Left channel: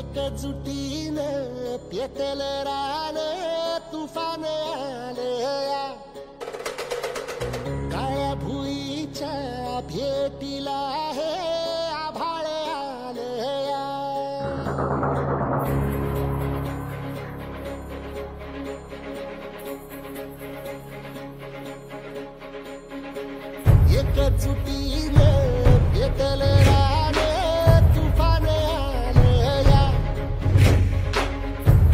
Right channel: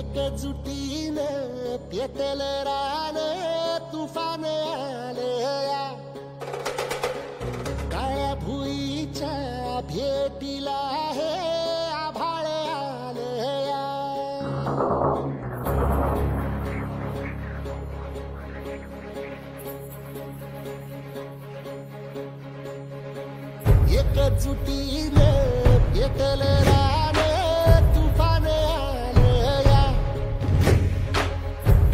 एकजुटीनं पेटलं रान तुफान आलया काळ्या भुईच्या भेटीला हे आभाळ आलया एकजुटीनं पेटलं रान तुफान आलया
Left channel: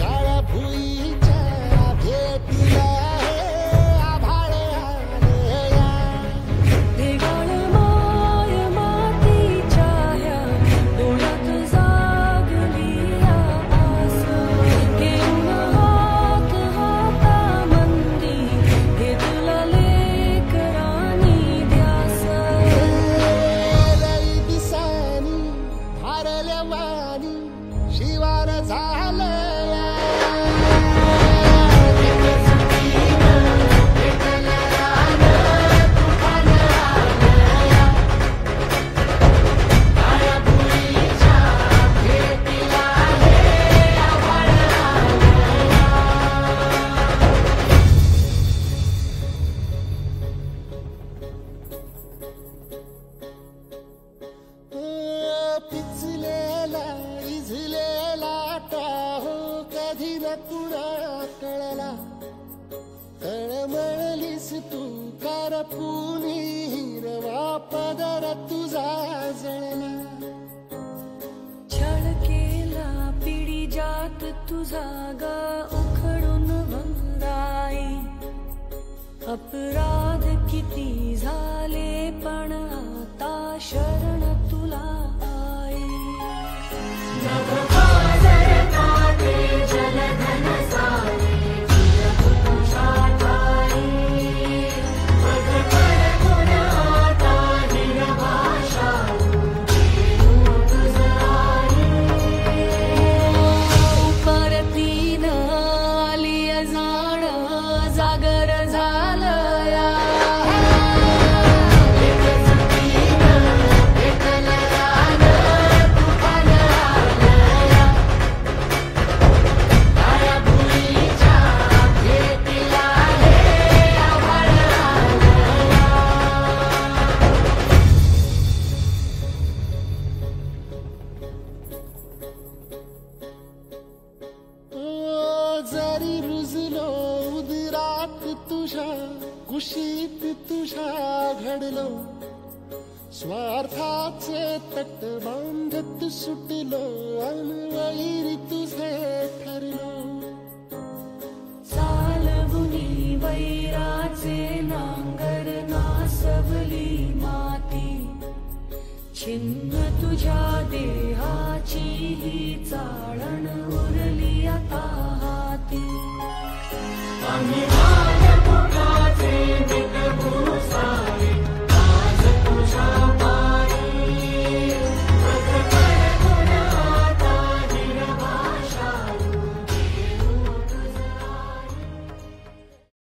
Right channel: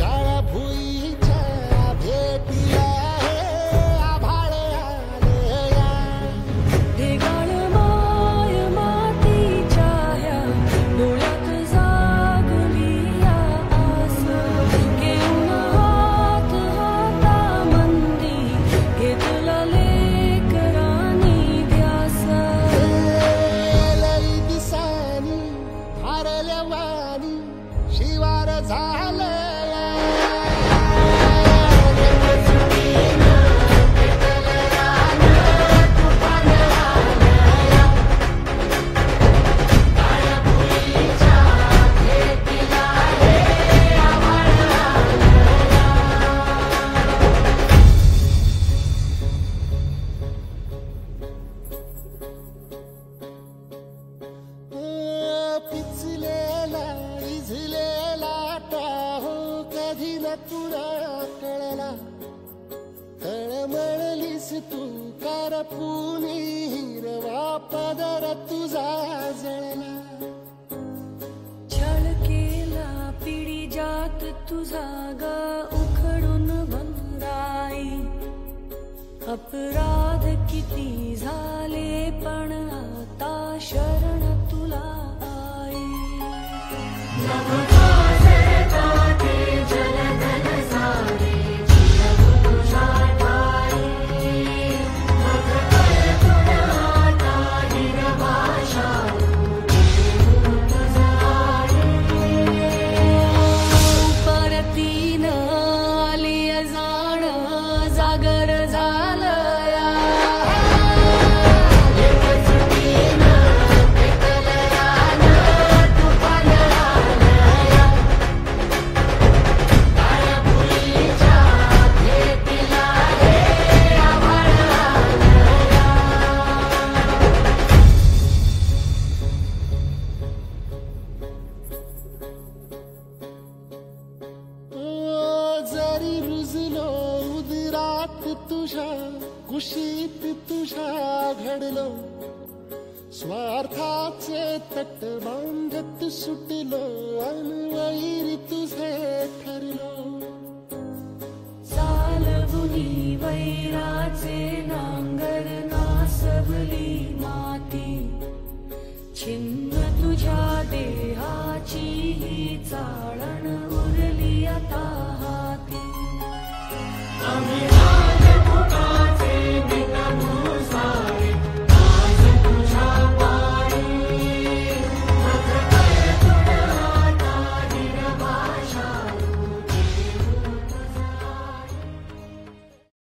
काळ्या भुईच्या भेटीला हे आभाळ आलया ढगाळ माय मातीच्या ह्या डोळ्यात जागली आस घेऊन हात हातामंदी घेतला लेकरांनी ध्यास लई दिसानी भारल्या वाणी शिवार झालया पिचलेला इझलेला टाहो कधी न कुणा कळला तळमळलीस तू करपुनी हिरवा पदर तुझा जळला छळ केला पिढी जात तुझा ग उखडून वंराई अपराध किती झाले पण आता शरण तुला आई परतीन आली जाण जागर झालया जरी रुजलो उदरात तुझ्या कुशीत तुझ्या घडलो स्वार्थाचे तट बांधत सुटलो अनवैरी तुझे ठरलो चालवुनी वैराचे नांगर नासवली माती छिन्न तुझ्या देहाची ही चाळण उरली आता हाती